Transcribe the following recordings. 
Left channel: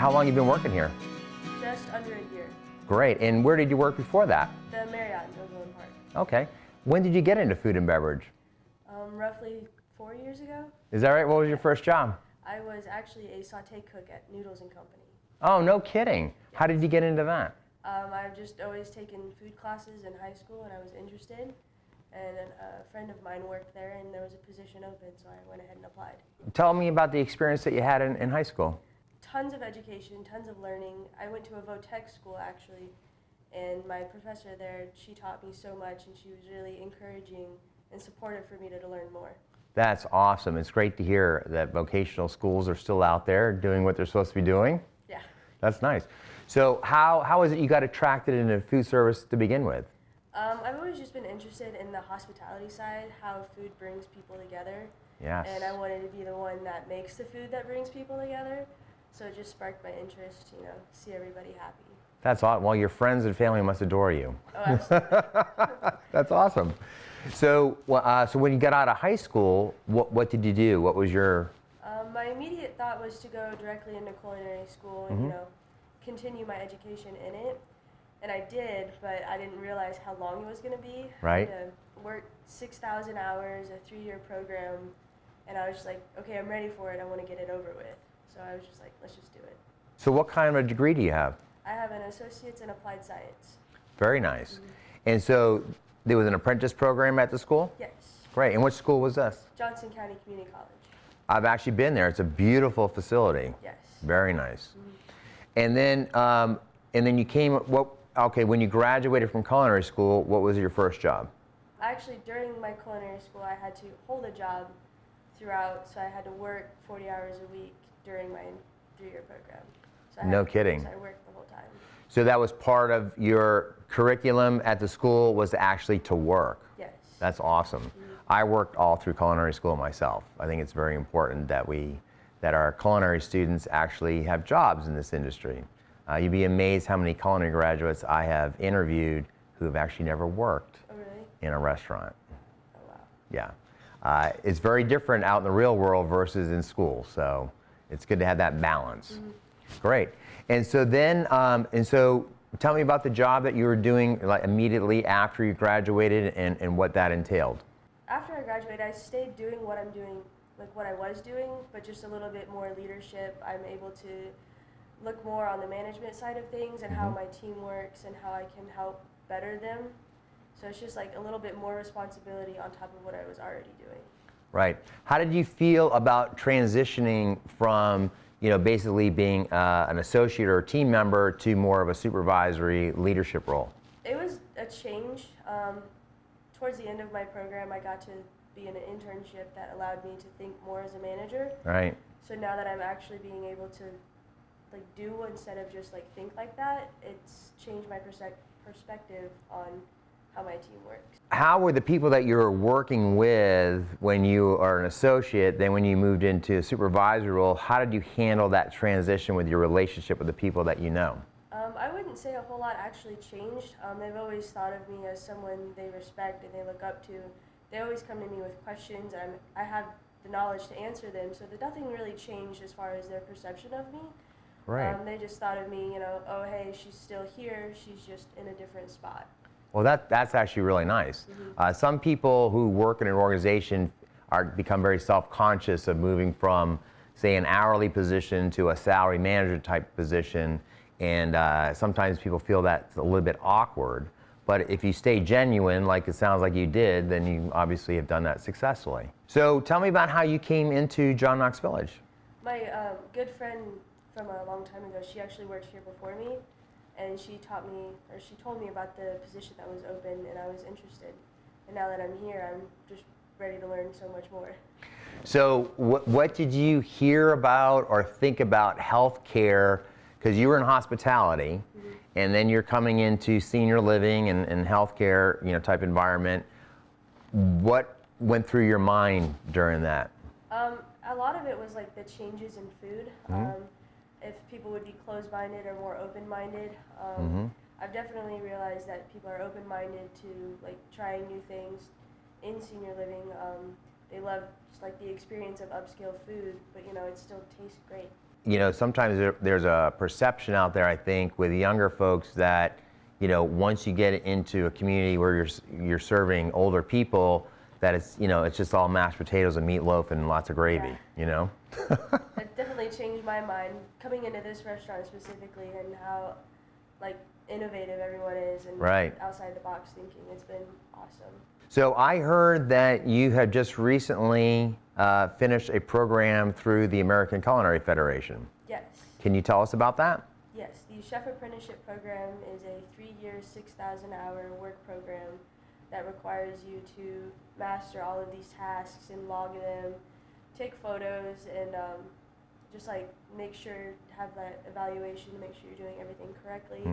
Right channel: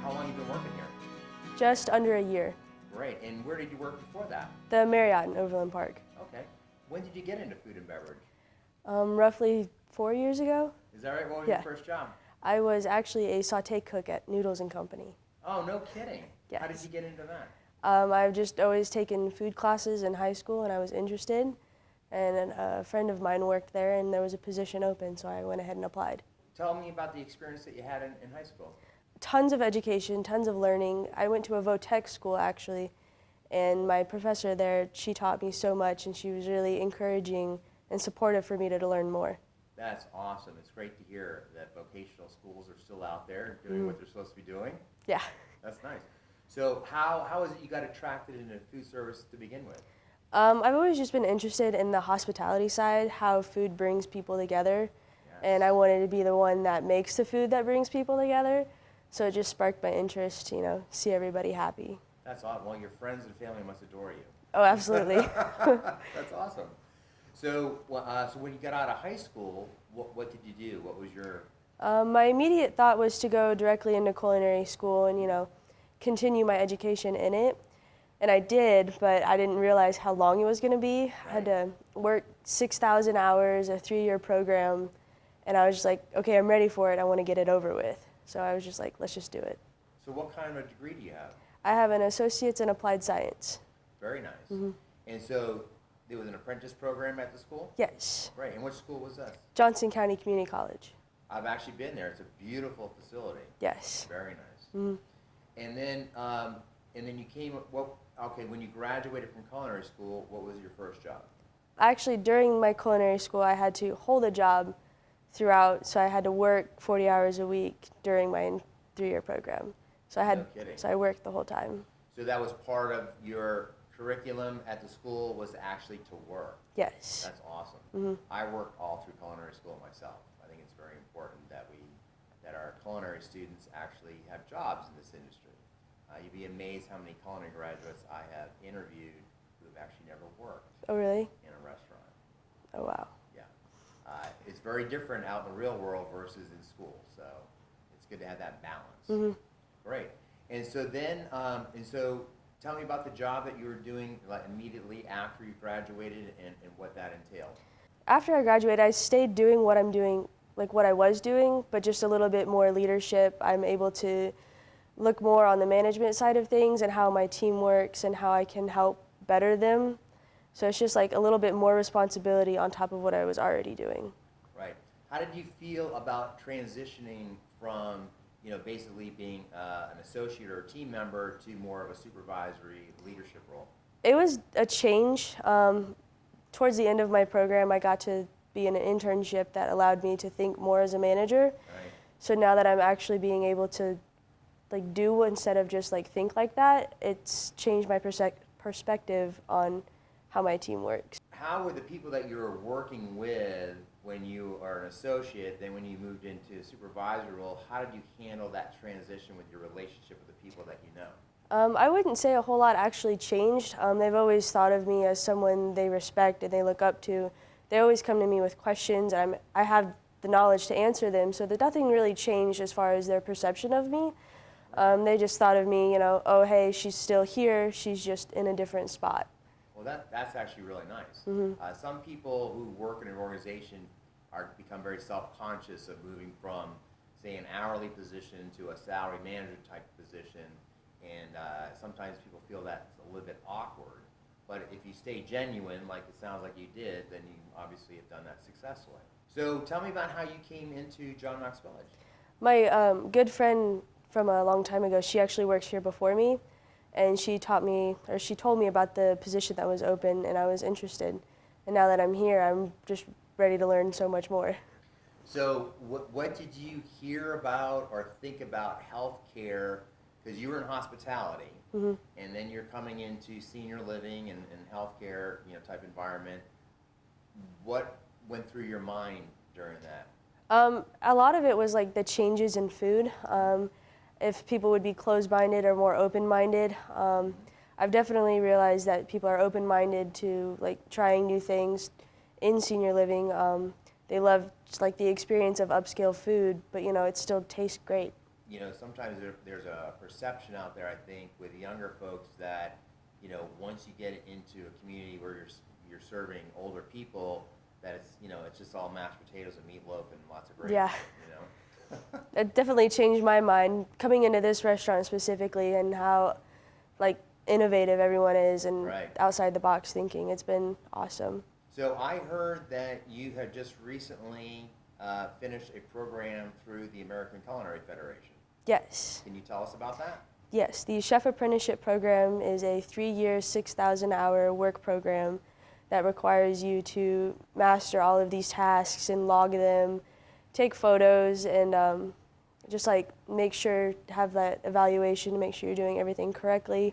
How long have you been working here? Just under a year. Great. And where did you work before that? The Marriott in Overland Park. Okay. When did you get into food and beverage? Roughly 4 years ago. Is that right? What was your first job? I was actually a sauté cook at Noodles & Company. Oh, no kidding. Yes. How did you get into that? I've just always taken food classes in high school and I was interested. And a friend of mine worked there and there was a position open, so I went ahead and applied. Tell me about the experience that you had in high school. Tons of education, tons of learning. I went to a vo-tech school actually, and my professor there, she taught me so much and she was really encouraging and supportive for me to learn more. That's awesome. It's great to hear that vocational schools are still out there doing what they're supposed to be doing. Yeah. That's nice. So how is it you got attracted into food service to begin with? I've always just been interested in the hospitality side, how food brings people together. Yes. And I wanted to be the one that makes the food that brings people together. So it just sparked my interest, you know, see everybody happy. That's awesome. Well, your friends and family must adore you. Oh, absolutely. That's awesome. So, so when you got out of high school, what did you do? What was your... My immediate thought was to go directly into culinary school and, you know, continue my education in it. And I did, but I didn't realize how long it was going to be. Right. I had to work 6,000 hours, a 3-year program, and I was just like, okay, I'm ready for it. I want to get it over with. So I was just like, let's just do it. So what kind of a degree do you have? I have an associate's in applied science. Very nice. And so there was an apprentice program at the school? Yes. Great. And which school was this? Johnson County Community College. I've actually been there. It's a beautiful facility. Yes. Very nice. And then you came, okay, when you graduated from culinary school, what was your first job? Actually, during my culinary school, I had to hold a job throughout, so I had to work 40 hours a week during my 3-year program. So No kidding. So I worked the whole time. So that was part of your curriculum at the school, was actually to work? Yes. That's awesome. I worked all through culinary school myself. I think it's very important that our culinary students actually have jobs in this industry. You'd be amazed how many culinary graduates I have interviewed who have actually never worked Oh, really? in a restaurant. Oh, wow. Yeah. It's very different out in the real world versus in school, so it's good to have that balance. Great. And so then, tell me about the job that you were doing like immediately after you graduated and what that entailed. After I graduated, I stayed doing what I'm doing, like what I was doing, but just a little bit more leadership. I'm able to look more on the management side of things and how my team works and how I can help better them. So it's just like a little bit more responsibility on top of what I was already doing. Right. How did you feel about transitioning from, basically being an associate or a team member to more of a supervisory leadership role? It was a change. Towards the end of my program, I got to be in an internship that allowed me to think more as a manager. Right. So now that I'm actually being able to like do instead of just like think like that, it's changed my perspective on how my team works. How were the people that you were working with when you are an associate, then when you moved into a supervisory role, how did you handle that transition with your relationship with the people that you know? I wouldn't say a whole lot actually changed. They've always thought of me as someone they respect and they look up to. They always come to me with questions. I have the knowledge to answer them, so that nothing really changed as far as their perception of me. Right. They just thought of me, oh, hey, she's still here, she's just in a different spot. Well, that's actually really nice. Some people who work in an organization become very self-conscious of moving from, say, an hourly position to a salary manager type position, and sometimes people feel that's a little bit awkward. But if you stay genuine, like it sounds like you did, then you obviously have done that successfully. So tell me about how you came into John Knox Village. My good friend from a long time ago, she actually works here before me, and she told me about the position that was open, and I was interested. And now that I'm here, I'm just ready to learn so much more. So what did you hear about or think about healthcare? Because you were in hospitality, and then you're coming into senior living and healthcare, type environment. What went through your mind during that? A lot of it was like the changes in food. If people would be closed-minded or more open-minded. I've definitely realized that people are open-minded to like trying new things in senior living. They love just like the experience of upscale food, but it still tastes great. sometimes there's a perception out there, I think, with younger folks that, once you get into a community where you're serving older people, that it's just all mashed potatoes and meatloaf and lots of gravy, Yeah. It definitely changed my mind coming into this restaurant specifically, and how like innovative everyone is and outside the box thinking. It's been awesome. So I heard that you have just recently finished a program through the American Culinary Federation. Yes. Can you tell us about that? Yes, the Chef Apprenticeship program is a 3-year, 6,000-hour work program that requires you to master all of these tasks and log them, take photos, and just like make sure, have that evaluation to make sure you're doing everything correctly.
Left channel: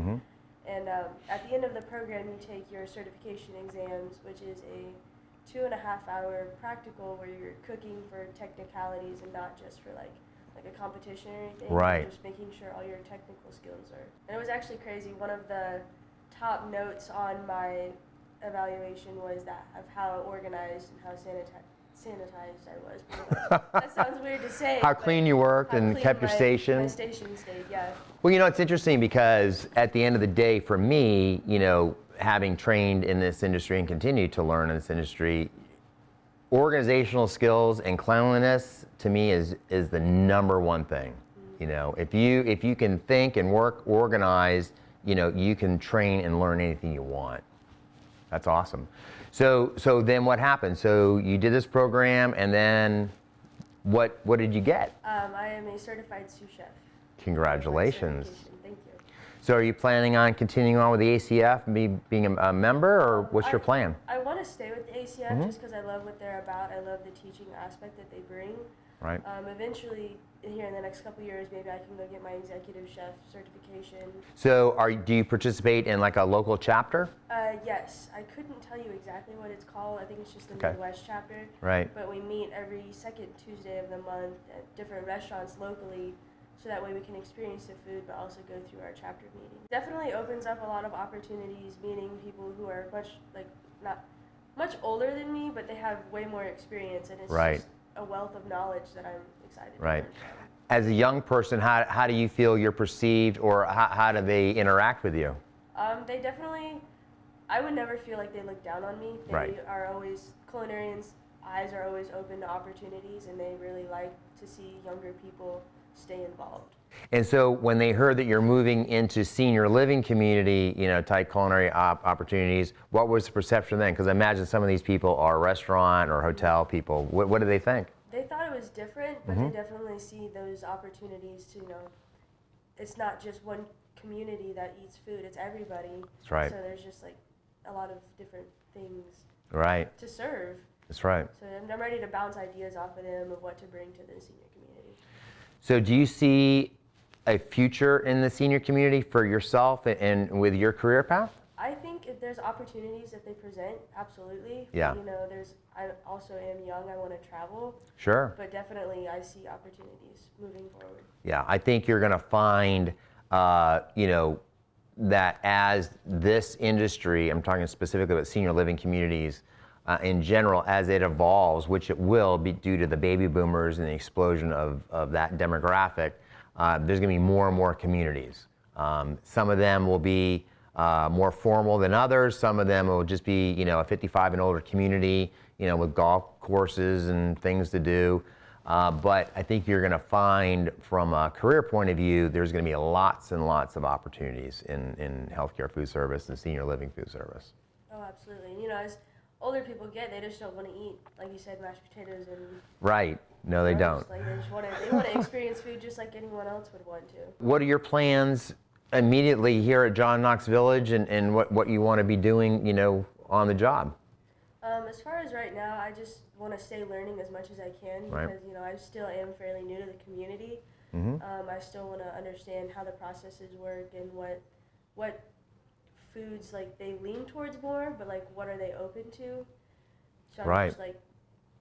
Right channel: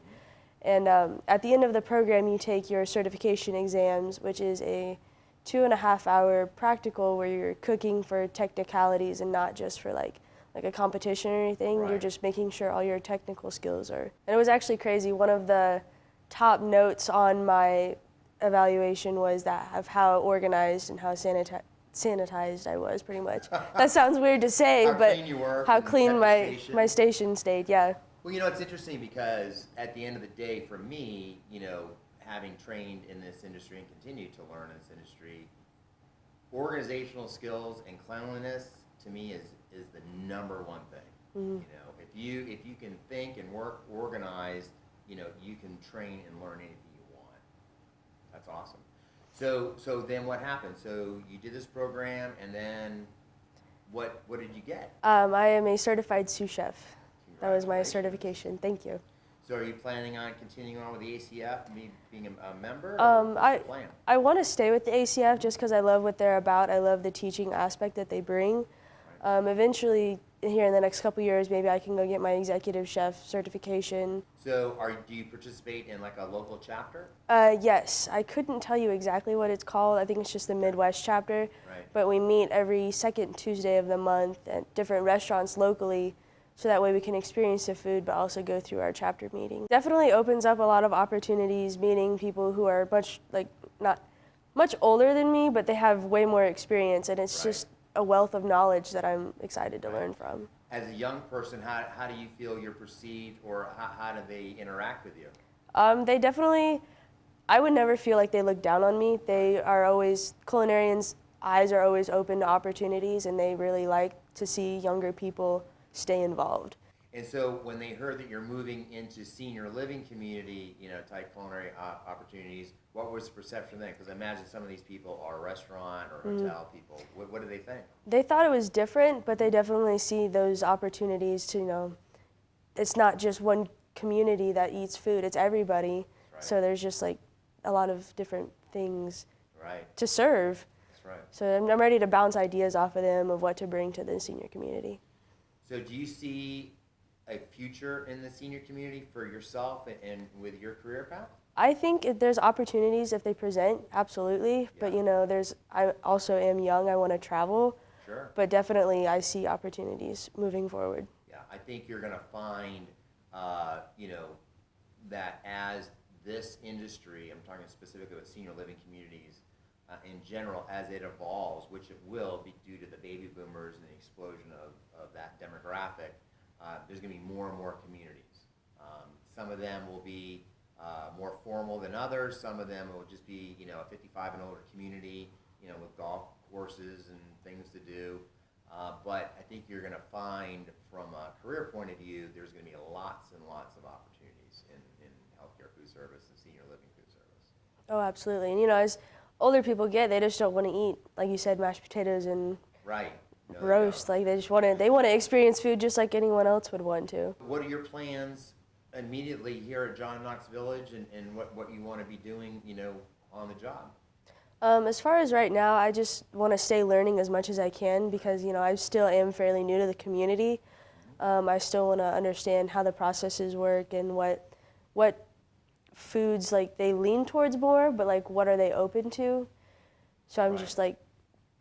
And at the end of the program, you take your certification exams, which is a 2.5-hour practical where you're cooking for technicalities and not just for like a competition or anything. You're just making sure all your technical skills are. And it was actually crazy. One of the top notes on my evaluation was that of how organized and how sanitized I was, pretty much. That sounds weird to say, how but clean you worked how and clean kept your my station. my station stayed, yeah. Well, it's interesting because at the end of the day, for me, having trained in this industry and continue to learn in this industry, organizational skills and cleanliness to me is the number one thing. If you can think and work organized, you can train and learn anything you want. That's awesome. So then what happened? So you did this program, and then what did you get? I am a certified sous chef. Congratulations. That was my certification. Thank you. So are you planning on continuing on with the ACF and being a member, or what's your plan? I want to stay with the ACF just because I love what they're about. I love the teaching aspect that they bring. Right. Eventually, here in the next couple years, maybe I can go get my executive chef certification. So do you participate in like a local chapter? Yes. I couldn't tell you exactly what it's called. I think it's just the Midwest chapter. Right. But we meet every second Tuesday of the month at different restaurants locally, so that way we can experience the food but also go through our chapter meeting. Definitely opens up a lot of opportunities, meeting people who are not much older than me, but they have way more experience, and it's just a wealth of knowledge that I'm excited to learn from. As a young person, how do you feel you're perceived, or how do they interact with you? They definitely, I would never feel like they look down on me. They are always, culinarians' eyes are always open to opportunities, and they really like to see younger people stay involved. And so when they heard that you're moving into senior living community, type culinary opportunities, what was the perception then? Because I imagine some of these people are restaurant or hotel people. What do they think? They thought it was different, but they definitely see those opportunities to, it's not just one community that eats food, it's everybody. That's right. So there's just like a lot of different things to serve. That's right. So I'm ready to bounce ideas off of them of what to bring to the senior community. So do you see a future in the senior community for yourself and with your career path? I think if there's opportunities if they present, absolutely. Yeah. But I also am young, I want to travel. Sure. But definitely I see opportunities moving forward. Yeah, I think you're going to find, that as this industry, I'm talking specifically about senior living communities, in general, as it evolves, which it will be due to the baby boomers and the explosion of that demographic, there's going to be more and more communities. Some of them will be more formal than others. Some of them will just be, a 55 and older community, with golf courses and things to do. But I think you're going to find, from a career point of view, there's going to be lots and lots of opportunities in healthcare food service and senior living food service. Oh, absolutely. And as older people get, they just don't want to eat, like you said, mashed potatoes and No, they roast. don't. Like they want to experience food just like anyone else would want to. What are your plans immediately here at John Knox Village, and what you want to be doing, on the job? As far as right now, I just want to stay learning as much as I can because, I still am fairly new to the community. I still want to understand how the processes work and what foods they lean towards more, but what are they open to? So I'm just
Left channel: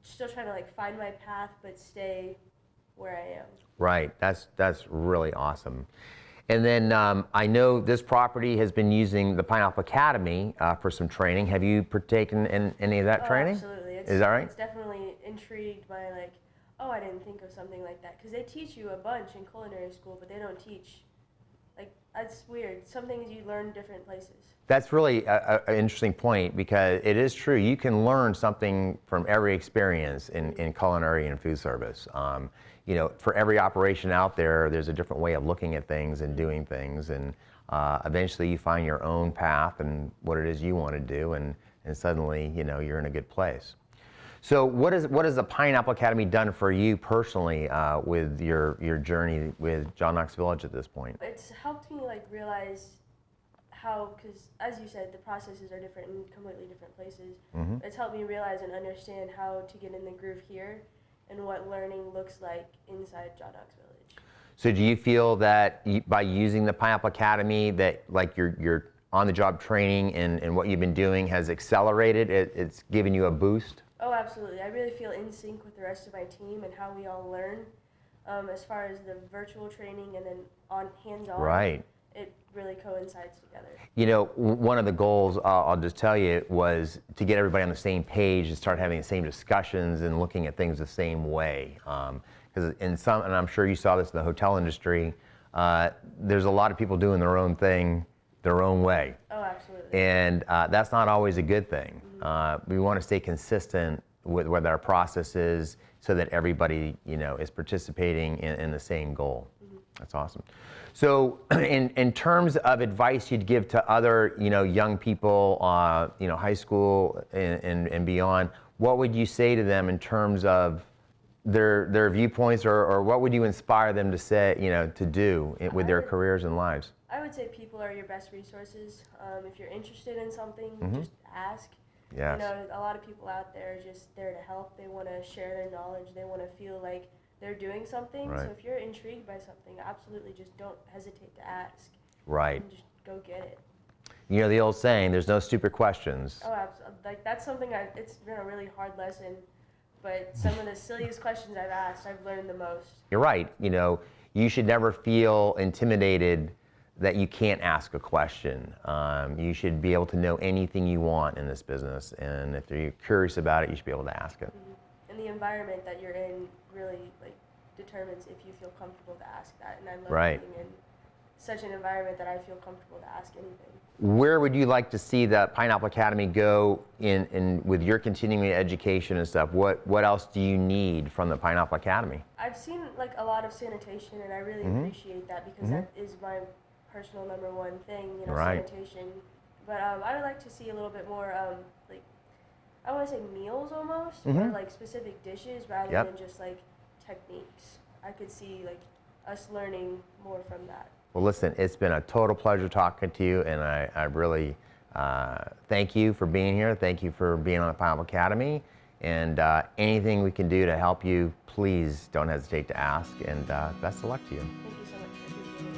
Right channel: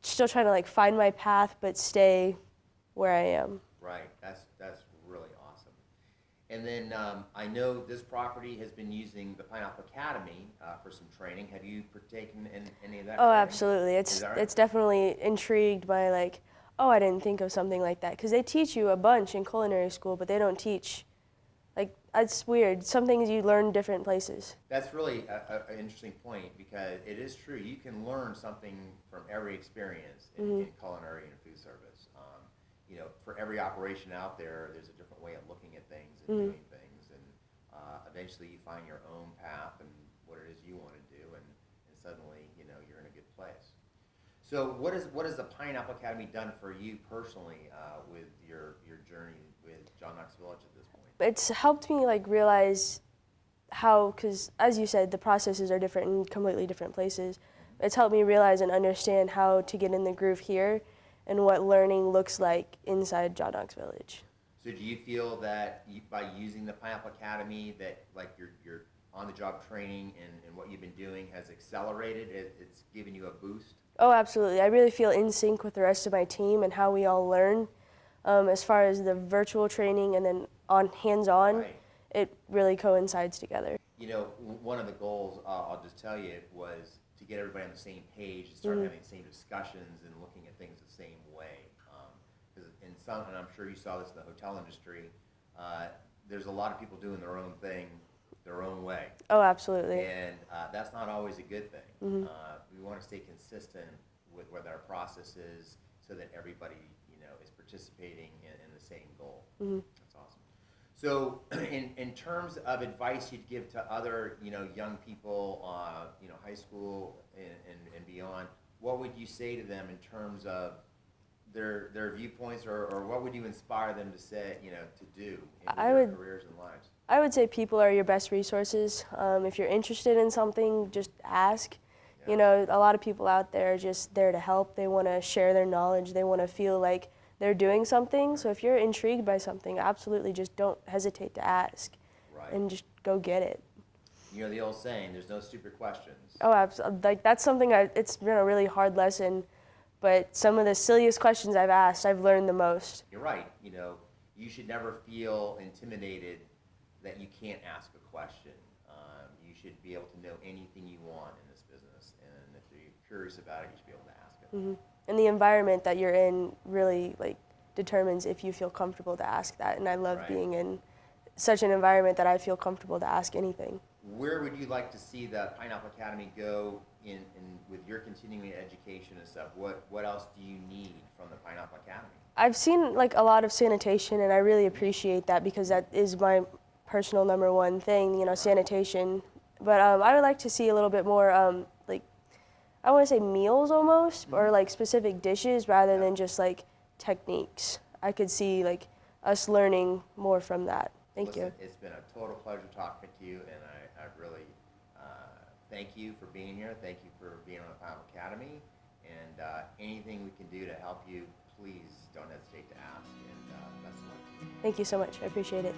still trying to find my path, but stay where I am. Right. That's really awesome. And then I know this property has been using the Pineapple Academy for some training. Have you partaken in any of that training? Absolutely. Is that right? It's definitely intrigued by oh, I didn't think of something like that. Because they teach you a bunch in culinary school, but they don't teach, like, it's weird. Some things you learn different places. That's really an interesting point, because it is true. You can learn something from every experience in culinary and food service. You know, for every operation out there, there's a different way of looking at things and doing things, and eventually you find your own path and what it is you want to do, and suddenly, you know, you're in a good place. So what has the Pineapple Academy done for you personally with your journey with John Knox Village at this point? It's helped me like realize how, because as you said, the processes are different in completely different places. It's helped me realize and understand how to get in the groove here and what learning looks like inside John Knox Village. So do you feel that by using the Pineapple Academy that like your on-the-job training and what you've been doing has accelerated, it's given you a boost? Oh, absolutely. I really feel in sync with the rest of my team and how we all learn. As far as the virtual training and then on hands-on, Right. It really coincides together. You know, one of the goals, I'll just tell you, was to get everybody on the same page and start having the same discussions and looking at things the same way. Because and I'm sure you saw this in the hotel industry, there's a lot of people doing their own thing their own way. Oh, absolutely. And that's not always a good thing. We want to stay consistent with what our process is so that everybody, you know, is participating in the same goal. That's awesome. So in terms of advice you'd give to other, you know, young people, you know, high school and beyond, what would you say to them in terms of their viewpoints, or what would you inspire them to say, you know, to do with their careers and lives? I would say people are your best resources. If you're interested in something, just ask. Yes. You know, a lot of people out there are just there to help. They want to share their knowledge. They want to feel like they're doing something. Right. So if you're intrigued by something, absolutely just don't hesitate to ask. Right. And just go get it. You know the old saying, there's no stupid questions. Oh, absolutely. Like that's something it's been a really hard lesson, but some of the silliest questions I've asked, I've learned the most. You're right. You know, you should never feel intimidated that you can't ask a question. You should be able to know anything you want in this business, and if you're curious about it, you should be able to ask it. And the environment that you're in really like determines if you feel comfortable to ask that. And I love Right. being in such an environment that I feel comfortable to ask anything. Where would you like to see the Pineapple Academy go in with your continuing education and stuff? What else do you need from the Pineapple Academy? I've seen like a lot of sanitation, and I really appreciate that because that is my personal number one thing, you know, Right. sanitation. But I would like to see a little bit more like, I want to say meals almost, or like specific dishes rather Yep. than just like techniques. I could see like us learning more from that. Well, Thank you. listen, it's been a total pleasure talking to you, and I really thank you for being here. Thank you for being on the Pineapple Academy, and anything we can do to help you, please don't hesitate to ask, and best of luck to you. Thank you so much. I appreciate it.